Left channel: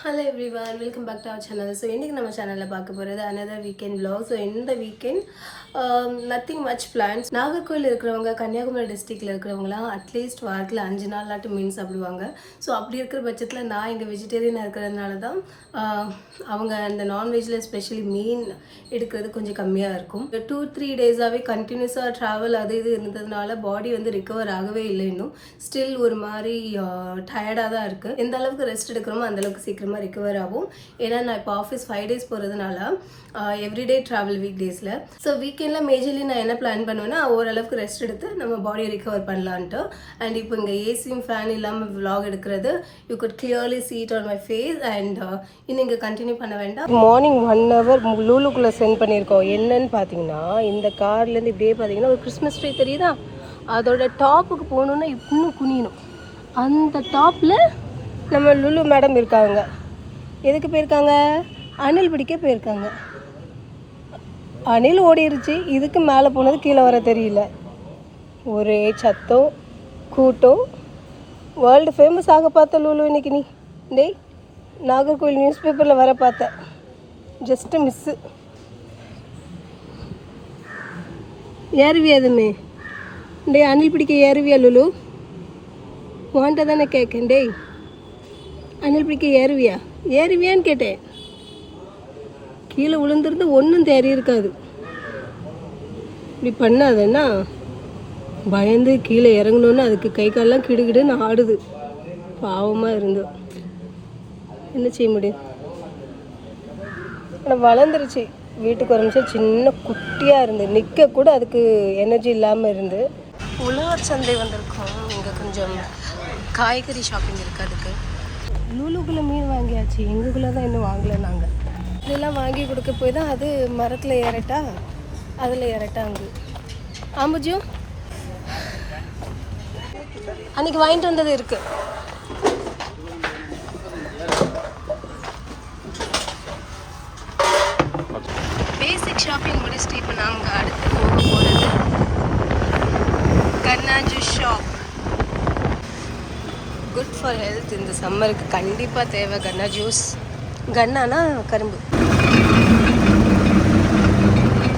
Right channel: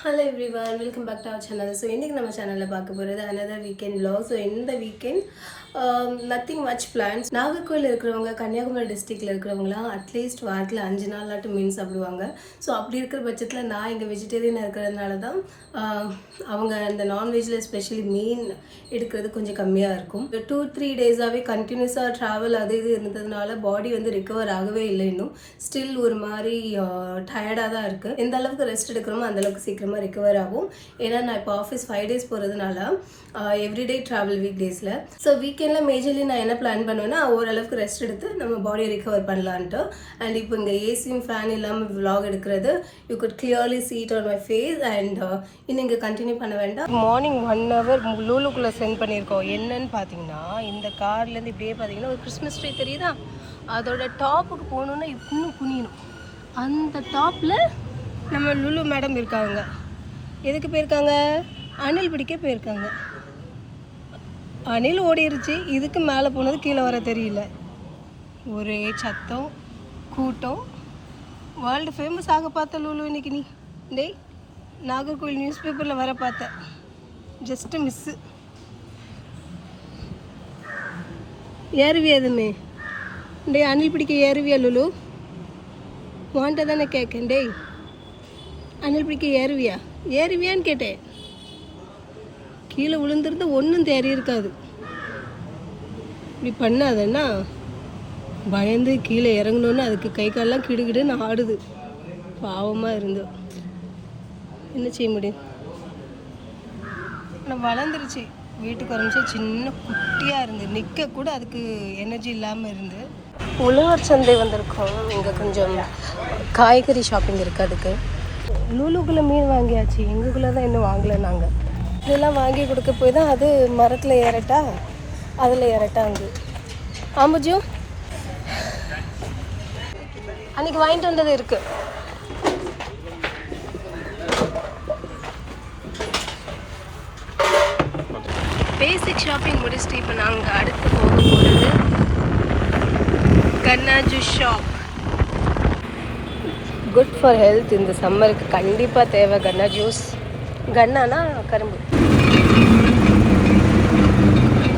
Hello everyone welcome back to our channel so இன்றைக்கி நம்ம சேனலில் பார்க்க போகிறது அனதர் வீக்கெண்ட் vlog. ஸோ இந்த weekend nothing much plans Nagercoil இருக்கிறவங்க கன்னியாகுமரி டிஸ்ட்ரிக்டில் இருக்கிறவங்களாம் அட்லீஸ்ட் வாரத்தில் அஞ்சு நாளாட்டும் மீன் சாப்பிடுவாங்க. ஸோ அப்படி இருக்கிற பட்சத்தில் நான் இங்கே வெஜிடேரியனாக இருக்கிறதுனால தான் um, அவங்க அந்த நான்வெஜ்ஜில் ஸ்பெஷலி மீன் எடுக்கிறது கொஞ்சம் கம்மியாக இருக்கும். டூ த்ரீ டேஸாகவே கண்டினியூஸாக ட்ராவல் அது இது இருந்ததுனால பாடி வந்து ரிக்கவர் ஆகவே இல்லை இன்னும். ஸ்டில் ஒரு மாதிரி uh, டயர்டாக தான் இருக்குது எந்த அளவுக்கு ரெஸ்ட் எடுக்கிறோமோ அந்தளவுக்கு சீக்கிரமாக ரிக்கவர் ஆகும். ஏன்னா நான் இப்போ ஆஃபீஸ் ஃபைவ் டேஸ் போகிறதுனால எவ்ரிடே ட்ராவல் வீக் டேஸில் ஸோ வீக்கெண்டில் மேஜர்லி நான் என்ன பிளான் பண்ணுவேன்னா ஓரளவுக்கு ரெஸ்ட் எடுத்து நம்ம பாடியை ரிகவர் பண்ணலான்ட்டு. அண்ட் இப்போ இங்கே ஏசியும் ஃபேன் இல்லாமல் விலாக் எடுக்கிறது you could clearly see it on my face and இன்னும் இங்கே கண்டினியூ பண்ண வேண்டாம். மார்னிங் ஒன் ஹவர் லூலுக்குள்ளே சென்ட் பண்ணியிருக்கோம். என்னன்னு பார்த்தீங்கன்னா இந்த கார்லேருந்து இப்படியே பார்த்தீங்கன்னா ஒரு கிறிஸ்மஸ் ட்ரீ தெரியுதா? அதோட டாப்புக்கு போகணுன்னா இன்னும் குனியணும். அந்த டாப்பில் நம்ம லுலு மேடம் இருக்காங்க. எதுக்கு போயிருக்காங்க? அணில் பிடிக்க போயிருக்காங்க. அணில் ஓடிருச்சு. இதுக்கு மேலே போனது கீழே வர தெரியல. ஒரே சத்தம் கூட்டம். வேர்ல்டு ஃபேமஸ் ஆக பார்த்த லூலு இன்னைக்கு நீ. டேய் நாகர்கோவில் நியூஸ் பேப்பரில் வர பார்த்தேன் ஜஸ்ட்டு மிஸ்ஸு ஏறுவியா அதுமே டேய் அணில் பிடிக்க ஏறுவியா லுலு? உன்ட்ட தானே கேட்கேன் டேய் அணில் பிடிக்க ஏறுவியா? ஏறுவியான்னு கேட்டேன். கீழே விழுந்துருந்து ஒன்றும் தேறி இருக்காது. இப்படி பண்ணாதேன்னா பயந்து கீழே இறங்கணுன்னு அதுக்கு கை காலெல்லாம் கிடுகிடுன்னு ஆடுது. பாவமாக இருந்தோம் என்ன செய்ய முடியும்? ஆனால் வளர்ந்துருச்சு. வீட்டுக்கு வரமிச்சா சின்ன குட்டியாக இருந்து. நிற்க கூட அதுக்கு எனர்ஜி இல்லாமல் இருந்து. உழவர் சந்தை வந்திருக்கோம். இங்கே கொஞ்சம் காய்கறி ஷாப்பிங் இருக்குது அதுக்கு. லூலுக்குள்ளே மீன் வாங்கியாச்சு. எங்களுக்குள்ளே தான் இன்னும் வாங்கலை நாங்கள் இதெல்லாம் வாங்கி கொடுக்க போய் தான் அது மரத்தில் ஏறட்டா? அதில் ஏறட்டாங்க ஆமாஜோ அன்னைக்கு வாங்கிட்டு வந்தது இருக்கு. பேசிக் ஷாப்பிங் முடிச்சுட்டு இப்போ நாங்கள் அடுத்து போக போகிறது Kanna juice shop good for health இந்த சம்மருக்கு கண்டிப்பாக தேவை கன்னா ஜூஸ் கன்னானா கரும்பு?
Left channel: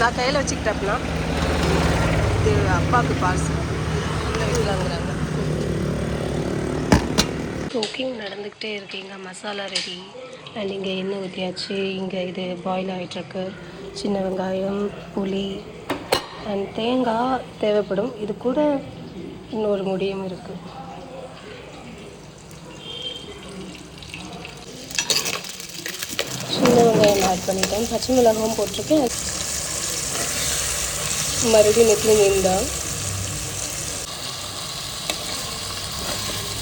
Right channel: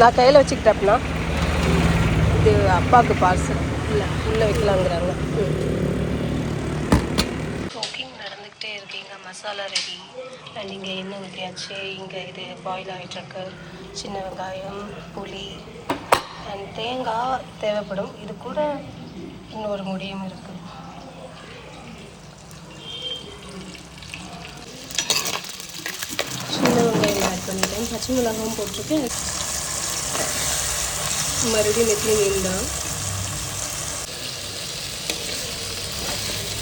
நான் கையில் வச்சுக்கிட்டப்பனா இது அப்பாவுக்கு பார்சல் இல்லை உள்ளே வைக்கலாங்கிறாங்க. குக்கிங் நடந்துக்கிட்டே இருக்கீங்க மசாலா ரெடி அண்ட் இங்கே எண்ணெய் ஊற்றியாச்சு இங்கே இது பாயில் ஆகிட்டுருக்கு சின்ன வெங்காயம் புளி அண்ட் தேங்காய் தேவைப்படும். இது கூட இன்னொரு முடியும் இருக்குது சின்ன வெங்காயம் ஆட் பண்ணிட்டேன். பச்சை மிளகாவும் போட்டிருக்கேன். மறுபடியும் நெத்திலி மீன் தான்.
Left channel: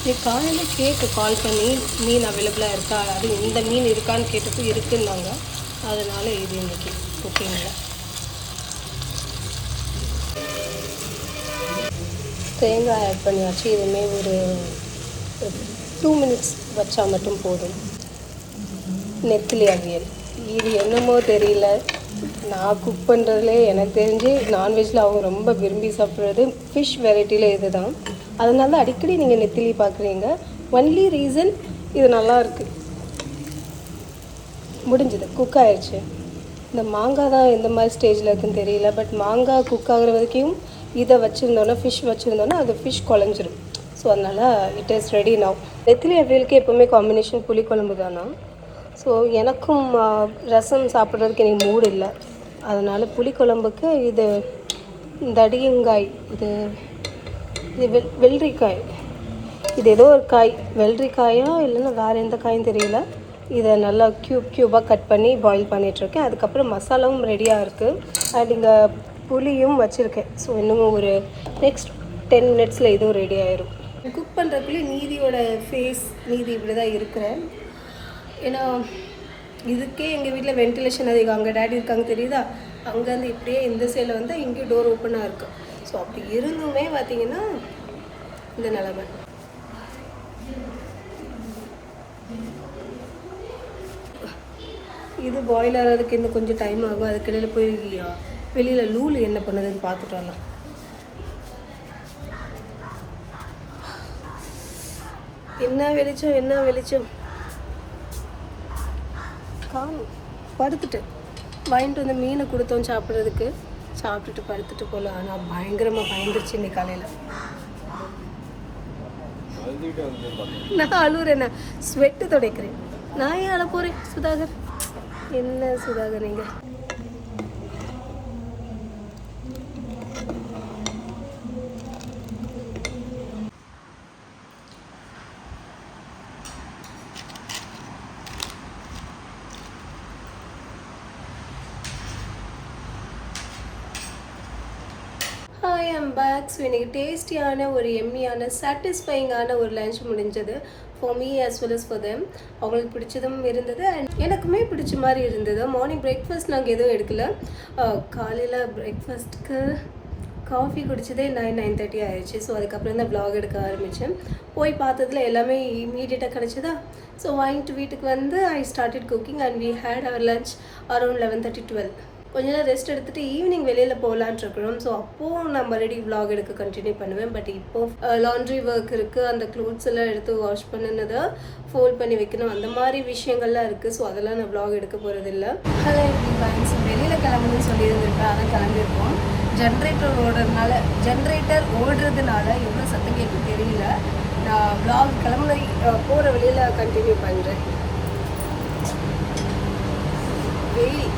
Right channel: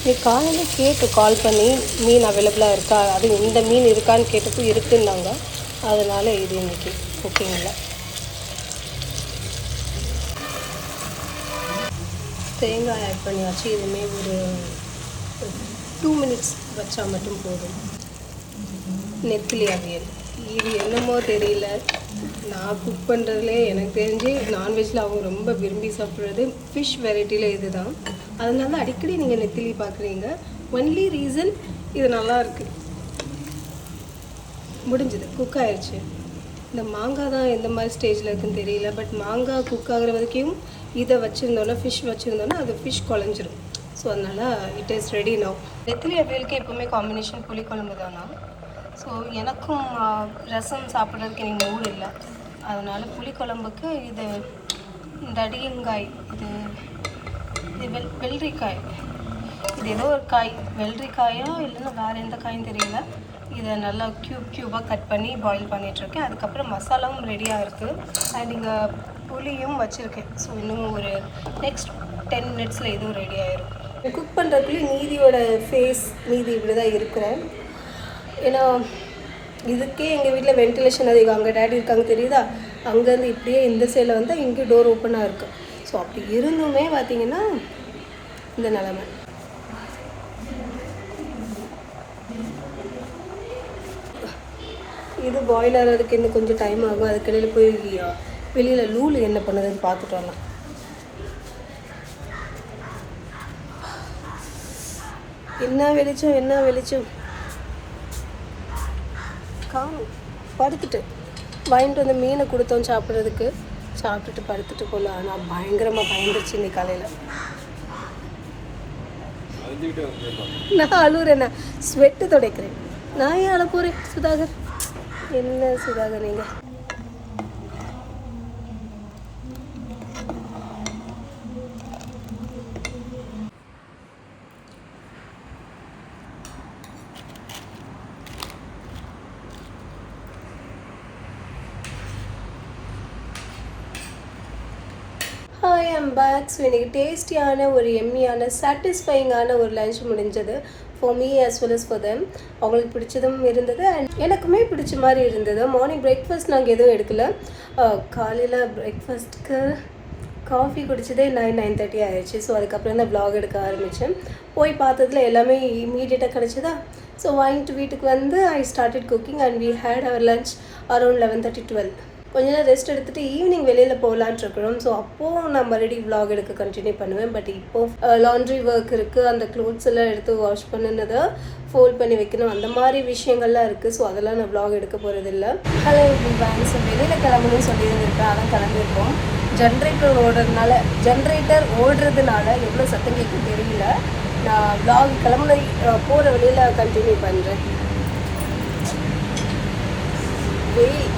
நீ காலையில் கேட்டு கால் பண்ணி மீன் அவைலபிளாக இருக்கா? அது இந்த மீன் இருக்கான்னு கேட்டப்போ இருக்குன்னாங்க. அதனால் இது இன்னைக்கு. குக்கிங்கில் தேங்காய் ஆட் பண்ணியாச்சு. இதுவுமே ஒரு டூ மினிட்ஸ் வச்சால் மட்டும் போதும். நெத்திலி அவியல். இது என்னமோ தெரியல. நான் குக் பண்ணுறதுலே எனக்கு தெரிஞ்சு நான்வெஜ்ஜில் அவங்க ரொம்ப விரும்பி சாப்பிட்றது ஃபிஷ் வெரைட்டியில் இது தான் அதனால தான் அடிக்கடி நீங்கள் நெத்திலி பார்க்குறீங்க ஒன்லி ரீசன் இது நல்லா இருக்கு. முடிஞ்சது. குக் ஆயிடுச்சு இந்த மாங்காய் தான் எந்த மாதிரி ஸ்டேஜில் இருக்குன்னு தெரியல. பட் மாங்காய் குக் ஆகிற வரைக்கும் இதை வச்சுருந்தோன்னா ஃபிஷ் வச்சுருந்தோன்னா அது ஃபிஷ் குழஞ்சிரும். ஸோ அதனால் இட் இஸ் ரெடி நவ் நெத்திலி அவியலுக்கு எப்போவுமே காம்பினேஷன் புளிக்குழம்பு தானா? ஸோ எனக்கும் ரசம் சாப்பிட்றதுக்கு எனக்கு மூடு இல்லை. அதனால புளிக்குழம்புக்கு இது தடியங்காய் இது இது வெள் வெள்ளரிக்காய். இது ஏதோ ஒரு காய். வெள்ளரிக்காயோ இல்லைன்னா வேறு எந்த காயும் தெரியல. இதை நல்லா க்யூப் க்யூபாக கட் பண்ணி பாயில் பண்ணிகிட்ருக்கேன் அதுக்கப்புறம் மசாலாவும் ரெடியாக இருக்குது அண்ட் இங்கே புளியும் வச்சுருக்கேன். ஸோ இன்னும் ஒரு நெக்ஸ்ட் டென் மினிட்ஸில் இதுவும் ரெடி ஆயிரும். குக் பண்ணுறதுக்குள்ளே நீதியோட ஃபேஸ் நீதி இப்படி தான் இருக்கிறேன். ஏன்னா இதுக்கே எங்கள் வீட்டில் வென்டிலேஷன் அதிகம். அங்கே டேடி இருக்காங்க தெரியுதா? அங்கேருந்து இப்படியே இந்த சைடில் வந்தால் இங்கே டோர் ஓப்பனாக இருக்குது ஸோ அப்படி இருந்துமே பார்த்தீங்கன்னா இந்த நிலமை. இது பாயில் ஆகிறதுக்கு இன்னும் கொஞ்சம் டைம் ஆகும். அதுக்கிடையில் போய் வெளியில் லூல் என்ன பண்ணுதுன்னு பார்த்துட்டு வரலாம். என்ன வெளிச்சம் என்ன வெளிச்சம்? காணும் படுத்துட்டு வாங்கிட்டு வந்து மீனை கொடுத்தோம் சாப்பிட்றதுக்கு. சாப்பிட்டுட்டு படுத்துட்டு போல ஆனால் பயங்கரமாக பயந்துருச்சு இன்னைக்கு காலையில். நான் அழுகுறேன் நான் ஸ்வெட்டு துடைக்கிறேன். நான் ஏன் அழ போகிறேன் சுதாகர்? என்ன சுதாகர் நீங்கள் ஹாய் ஐம் பேக் ஸோ இன்றைக்கி டேஸ்டியான ஒரு எம்மியான சாட்டிஸ்ஃபைங்கான ஒரு லஞ்ச் முடிஞ்சது for me as well as for them அவங்களுக்கு பிடிச்சதும் இருந்தது அண்ட் எனக்குமே பிடிச்ச மாதிரி இருந்தது. மார்னிங் பிரேக்ஃபாஸ்ட் நாங்கள் எதுவும் எடுக்கல. காலையில் பிரேக்ஃபாஸ்ட்க்கு காஃபி குடிச்சதே நைன் நைன் தேர்ட்டி ஆயிடுச்சு ஸோ அதுக்கப்புறம் தான் ப்ளாக் எடுக்க ஆரம்பித்தேன் போய் பார்த்ததுல எல்லாமே இமீடியட்டாக கிடச்சிதா? ஸோ வாங்கிட்டு வீட்டுக்கு வந்து I started cooking and we had our lunch around eleven thirty twelve கொஞ்ச நேரம் ரெஸ்ட் எடுத்துட்டு ஈவினிங் வெளியில் போகலான்ட்டு இருக்கிறோம். ஸோ அப்போது நான் மறுபடியும் விலாக் எடுக்க கண்டினியூ பண்ணுவேன். பட் இப்போ லாண்ட்ரி ஒர்க் இருக்குது அந்த க்ளோத்ஸ் எல்லாம் எடுத்து வாஷ் பண்ணினதை ஃபோல்ட் பண்ணி வைக்கணும். அந்த மாதிரி விஷயங்கள்லாம் இருக்குது ஸோ அதெல்லாம் நான் விலாக் எடுக்க போகிறதில்ல ஹலோ எவ்ரிவான் ஸோ வெளியில் கிளம்பணும்னு சொல்லியிருந்திருக்கேன். அதான் கிளம்பியிருக்கோம். ஜென்ரேட்டர் ஓடுறதுனால ஜென்ரேட்டர் ஓடுறதுனால எவ்வளோ சத்தம் கேட்கும் தெரியல. நான் விலாக் கிளம்புன போகிற வழியில் கண்டினியூ பண்ணுறேன் வெயில்.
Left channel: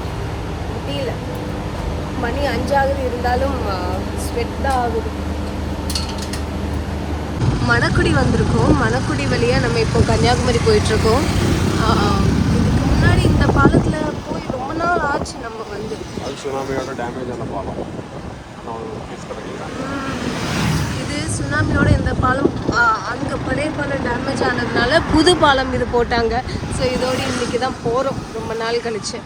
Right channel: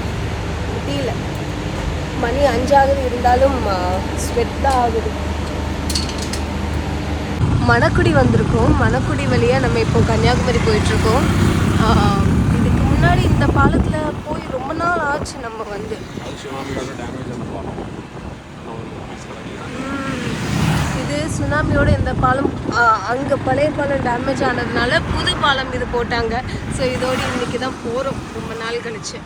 தெரியல மணி அஞ்சாவது இருந்தாலும் ஸ்வெட் தான் ஆகுது. மணக்குடி வந்திருக்கோம். மணக்குடி வழியாக நம்ம இப்போ கன்னியாகுமரி போயிட்டுருக்கோம். இதுக்கு முன்னாடி இந்த பாலத்தில் போய் ரொம்ப நாள் ஆச்சு நம்ம வந்து. டேமேஜ் இது சுனாமியோட இந்த பாலம் அங்கே பழைய பாலம் டேமேஜ் ஆனதுனால புது பாலம் இது போட்டாங்க. ஸோ இதோடு இன்னைக்கு தான் போகிறோம் ரொம்ப நாள் கழிச்சு.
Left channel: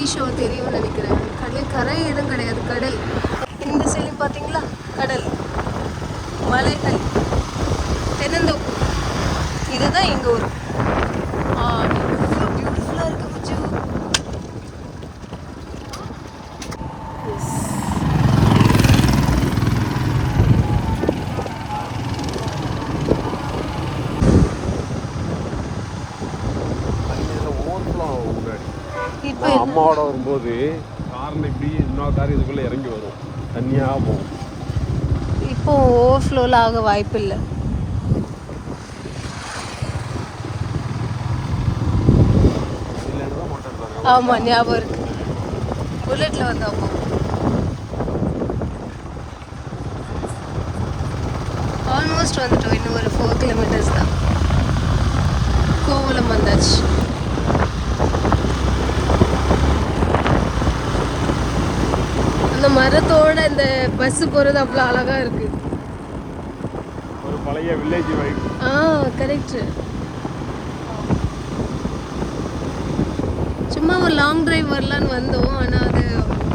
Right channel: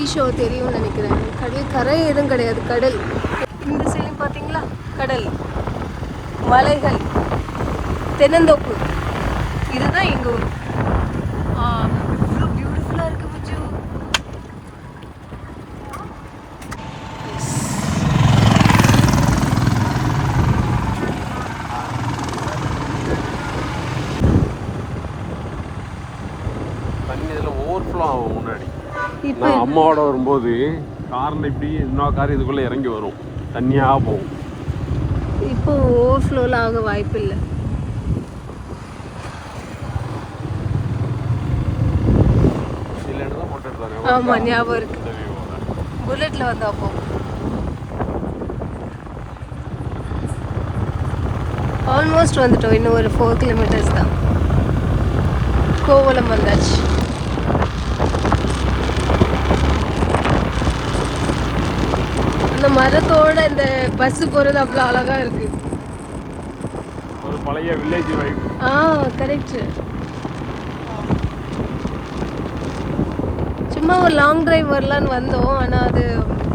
சீஷோ தெரியும்னு நினைக்கிறேன். கடல் கரை எதுவும் கிடையாது. கடல். இந்த சைடு பார்த்தீங்களா? கடல். மலைகள். தென்னந்தோப்பு. இதுதான் எங்கள் ஊர். பியூட்டிஃபுல்லாக இருக்கு புஜு தண்ணியில் ஓவர்ஃப்ளோ ஆகும் முன்னாடி இப்போ நம்மோட வரும்போது காரில் இப்படி இன்னொரு கார் இதுக்குள்ளே இறங்கி வரும். தண்ணியாக போகும். இப்போ ஓவர்ஃப்ளோவில் ஆக வாய்ப்பு இல்லை. ஆமாம் ஞாபகம் இருக்கு. புல்லட்டில் வந்து அப்போ ஆல்மோஸ்ட் வந்துட்டோம். இன்னும் ஒரு ஃபோர் கிலோமீட்டர்ஸ் தான். கோவலம் வந்தாச்சு அந்த மரத்தோட இந்த பஸ் போகிறது அவ்வளோ அழகாக இருக்கு. ஒரு பழைய வில்லேஜ் வைப் ஆ கரெக்ட் சும்மா ஒரு லாங் டிரைவ் வரலான்னு வந்தோம். ஆனால் அது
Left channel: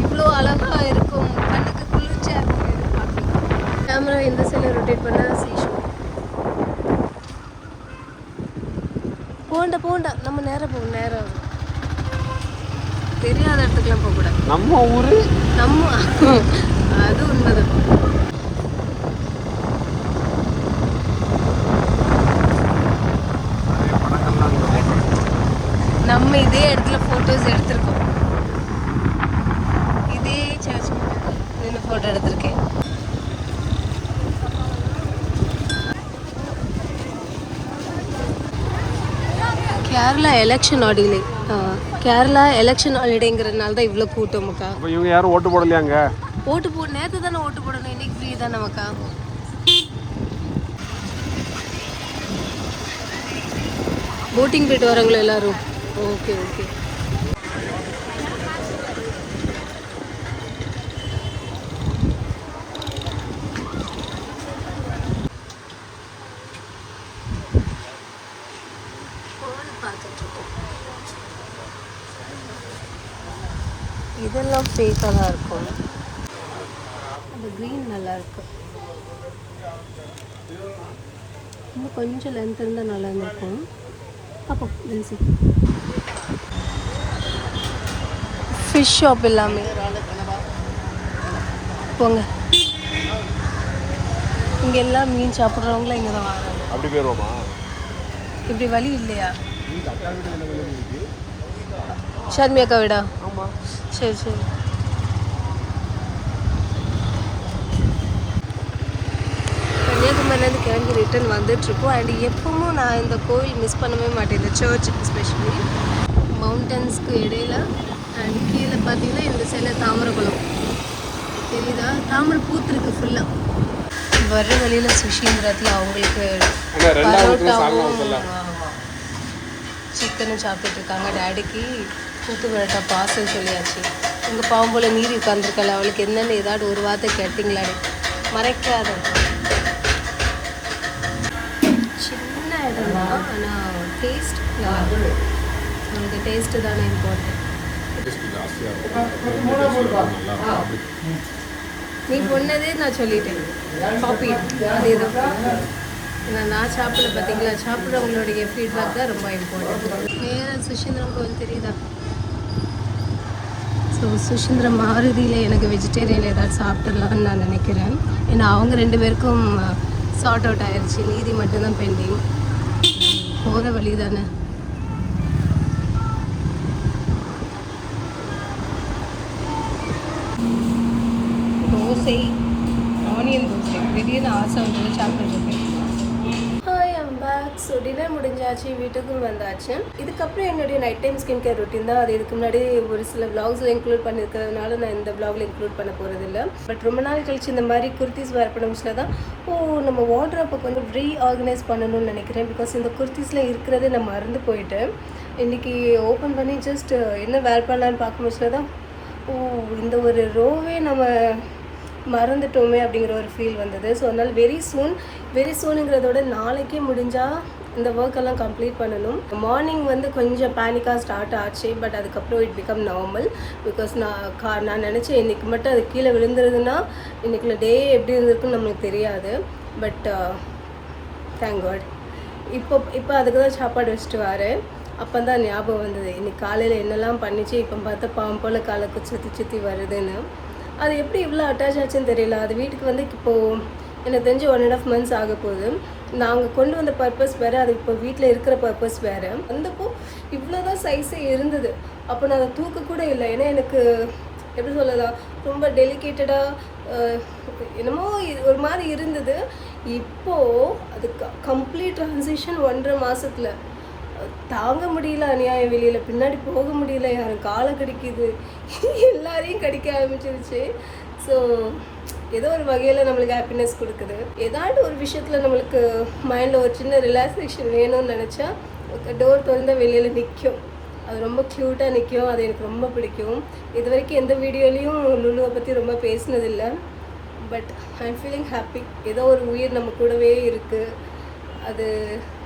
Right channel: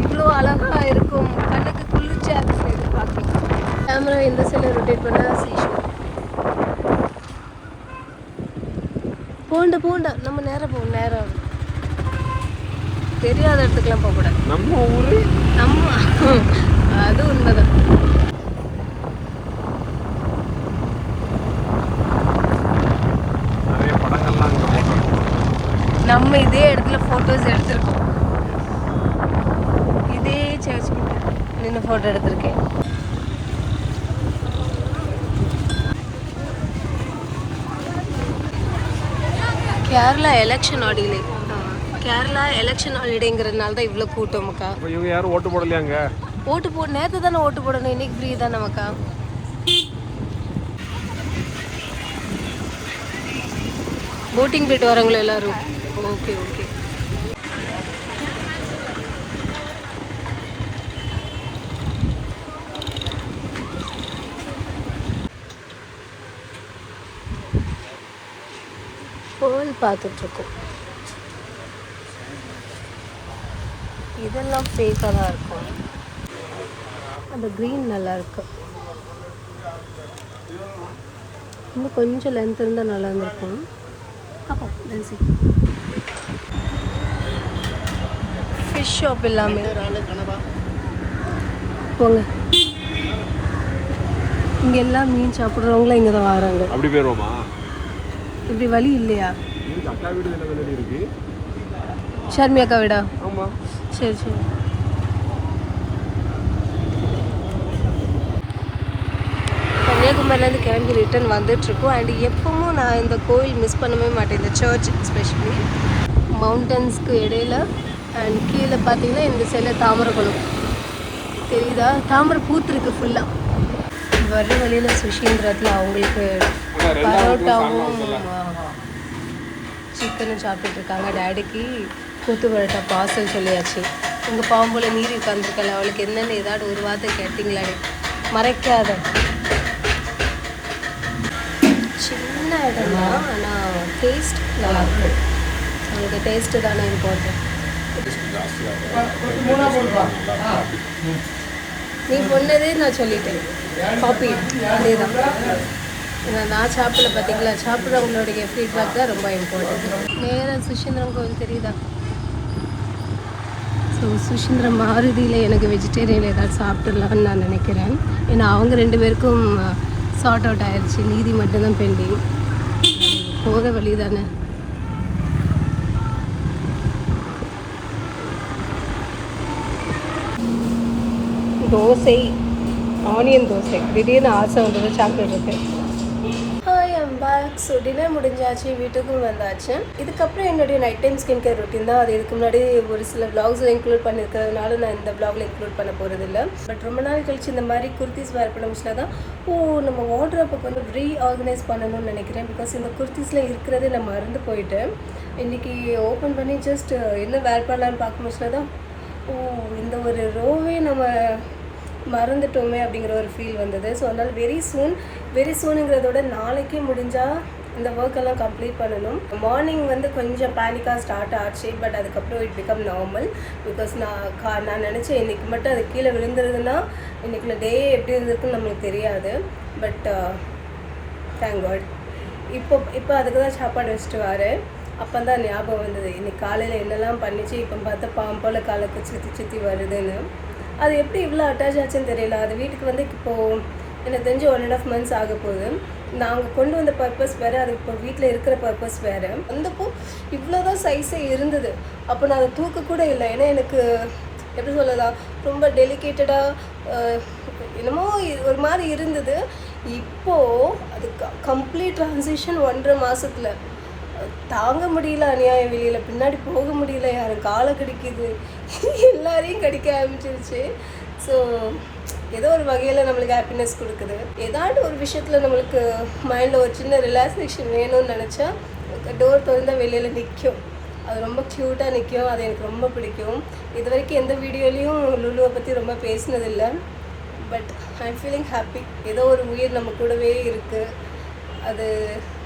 இவ்வளோ அழகா இருக்கும். கண்ணுக்கு குளிர்ச்சியாக இருக்கு. பார்க்க கேமரா இந்த சைடில் ரொட்டேட் பண்ண சீஷோ போண்டா போண்டா. நம்ம நேரம் போகும் நேரம். ஆகும். தெரியாத இடத்துக்குலாம் போகக்கூடாது. நம்ம ஊர்? நம்ம அது உண்மைதான். நம்ம இதே இடத்துல ஃபோட்டோஸ் எடுத்திருக்கோம். இதே சர்ச் நின்று ஃபோட்டோ எடுத்திருக்கேன். Kerala election holiday Kerala election ஹாலிடேங்கிறதுனால தான் இவ்வளோ கூட்டம் இப்போ இவங்க யாரும் ஓட்டு போடலையாங்க? ஓட்டு போ நேற்று தானே ஓட்டு போடணும் இன்னைக்கு ஃப்ரீ தானே மக்கா போட்டிங் போயிட்டு வராங்களா எல்லாரும். ஓகே ஓகே பார்த்துட்ருக்கோம் இதெல்லாம் ஃபேக்காக தான் இருக்கும். அந்த க்ரீன் நல்லா இருக்கு. இன்னும் கொஞ்சம் லென்த் இருந்தால் நல்லா இருந்திருக்கும். அப்போ லென்சி ஃபிஷ் ஷாப் எல்லாமே. போங்க. இங்கே எல்லாம் மீன் சாப்பிட்றவங்களும் இங்கே தான் வராங்க. அப்படி பேர் இப்படி வழி இல்லையா? ஷர்மி அக்கா விடா? சரி சரி. கன்னியாகுமரிலேருந்து கிளம்பி ரிட்டர்ன் வந்துட்டுருக்கோம். அண்ட் எப்பவும் நான் இந்த கோயில் மிஸ் பண்ணவே மாட்டேன் இந்த சர்ச் எஸ்பெஷலி மவுண்டன்ஸ்க்கு இடையில அண்ட் கீழே பார்த்தீங்கன்னா இந்த சைடில் தாமரைக்குளம் தெரியுதா? தாமரை பூத்துருக்கு ஃபுல்லாக வர்ற வழியில் சுஷீந்திரத்தில் அவங்களுக்கு பரோட்டாவும் சிக்கனும் சாப்பிட்டுட்டு இருக்காங்க. டேடிக்கு கூத்து பரோட்டா பார்சல் சொல்லியாச்சு. உங்கள் பாவம் போல் நீர் உட்காந்துருக்கல அவளுக்கு என்னென்னு ஏதாவது ஒரு வார்த்தை கேட்டீங்களாடி. மறைக்காத. சின்ன இடம் தான் ஆனால் டேஸ்ட் நல்லா இருக்கும். அவனுக்கு டேஸ்ட்டு தானே இம்பார்ட்டன்ட் நீ பொண்ணதே நான் சொல்லிட்டேன். காப்பி அதே தான் ஏன்னா நான் சாப்பிடல பார்த்தீங்களா சாப்பிட்றவங்களுடைய ஃபீட்பேக் தான் ரொம்ப இம்பார்ட்டன்ட் நேராக சுஷீந்திரம் கோவில் தெரியுதா? ஸோ சுஷிந்திர மாருதியில் எனக்கு வெஜிடேரியன் ஏதாவது சாப்பிட்லான்னு நான் நினைக்கிறேன். ஏன்னா அவங்க ரெண்டு பேருக்கும் சார்ட் அவுட் ஆயிடுச்சு மீதி மட்டும்தான் பெண்டிங் போகிற வழி தானே தோசை ஆனியன் தோசை. திடீர்னு ஆசை வந்தது சாப்பிட்றதுக்கு ஸோ டின்னர் முடிஞ்சாச்சு வீட்டுக்கும் வந்தாச்சு. இதுக்கப்புறம் என்னுடைய night time skin care routine தான். அது இதுக்கு முன்னாடி ஒரு சில vlogsல இன்க்ளூட் பண்ணியிருக்கிறதுனால நான் இந்த vlogல இன்க்ளூட் பண்ண போகிறது இல்லை பட் ரொம்ப நாள் கழிச்சு இந்த மாதிரி குர்த்திஸ் வேர் பண்ண தான் ஓ நம்ம வார்ட்ரோப்பை கொஞ்சம் ரீ ஆர்கனைஸ் பண்ணணும்னு நினைக்கிறேன். பிகாஸ் இந்த குர்த்திஸில் இருக்கிறதே நான் மறந்து போயிட்டேன். இன்றைக்கி ஓப்பன் பண்ணி ஜஸ்ட் என்ன வேர் பண்ணலான்னு பார்க்க தான் ஓ இந்த ஒரு ரோவே நம்ம மறந்துட்டோமே அப்படிங்கிற ஒரு ஃபீல் வந்தது. ஸோ அதனால் வெரி சூன் வெரி சூனுங்கிறதோட நாளைக்கே முடிஞ்சால் இந்த ஒர்க் எல்லாம் கம்ப்ளீட் பண்ணணும். மார்னிங் வந்து கொஞ்சம் பேனிக்காக ஸ்டார்ட் ஆச்சு பட் அதுக்கப்புறம் இட் பிகம் நார்மல் பிகாஸ் நான் கா நான் நினச்சேன் இன்னைக்கு மட்டும் அது கீழே விழுந்துருதுன்னா இன்னைக்குள்ள டே எப்படி இருந்திருக்குன்னு நம்மளுக்கு தெரியாது. பட் தேங்க் காட் இப்போ இப்போ அதுக்கு தான் சாப்பாடு வச்சுட்டு வரேன் அப்போ தான் ஞாபகம் வந்தது இன்னைக்கு காலையில் என்னெல்லாம் பண்ணிச்சு இப்போ பார்த்தா பாம்பு போல் காலைக்கு சுற்றி சுற்றி வருதுன்னு. அது எப்படி இவ்வளோ அட்டாச் ஆச்சுன்னு தெரியல. அது வீட்டுக்கு வந்து இப்போது எனக்கு தெரிஞ்சு ஒன் அண்ட் ஆஃப் மந்த்ஸ் ஆக போகுது. நாங்கள் கொண்டு வந்த பர்பஸ் வேறு அது இப்போ வீட்டில் இருக்கிற பர்பஸ் வேறு. வந்தப்போ இவ்வளோ தான் சைஸே இருந்தது. அப்போ நான் அதை தூக்க கூட இல்லை. ஏன்னா எனக்கு எப்படி சொல்லலாம்? ரொம்ப டெலிகேட்டடாக என்னமோ ஒரு மாதிரி இருந்தது. இப்போது அது கம்ப்ளீட் ட்ரான்சிஷன் ஒன்றரை மாதத்தில் தாங்க முடியல அநியாயம் வெளியில். பின்னாடி போக முடியல. யாரும் காலை கடிக்குது. எல்லாரையும் கடிக்க ஆரம்பிச்சிருச்சு. ஸோ ஏதோ ஒரு வகையில் நம்மளுக்கு ஹாப்பினஸ் கொடுக்குது. ஏதாவது ஒரு விஷயத்தில் நம்மளுக்கு மைண்டில் ஒரு சின்ன ரிலாக்ஸேஷன் வேணும்னு நினச்சா டோர் திறந்தால் வெளியில் நிற்கும் அது ரொம்ப க்யூட்டாக நிற்கும் அது எனக்கு ரொம்ப பிடிக்கும். இது வரைக்கும் எந்த வீடியோலையும் லுலுவை பற்றி ரொம்ப பேசினதில்லை. பட் ஐ ஃபீலிங் ஹாப்பி ஏதோ ஒரு உயிர் நம்ம கூடவே இருக்குது அது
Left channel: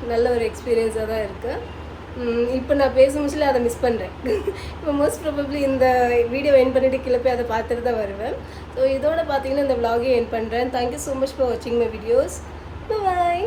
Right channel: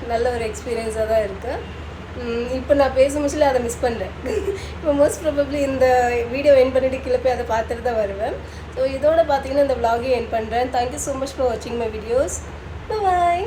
நல்ல ஒரு எக்ஸ்பீரியன்ஸாக தான் இருக்குது இப்போ நான் பேச முடிச்சல அதை மிஸ் பண்ணுறேன் இப்போ மோஸ்ட் ப்ராபப்ளி இந்த வீடியோ என் பண்ணிட்டு கீழே போய் அதை பார்த்துட்டு தான் வருவேன். ஸோ இதோட பார்த்தீங்கன்னா இந்த vlog-ஐ என் பண்ணுறேன் thank you so much for வாட்சிங் மை வீடியோஸ் பாய்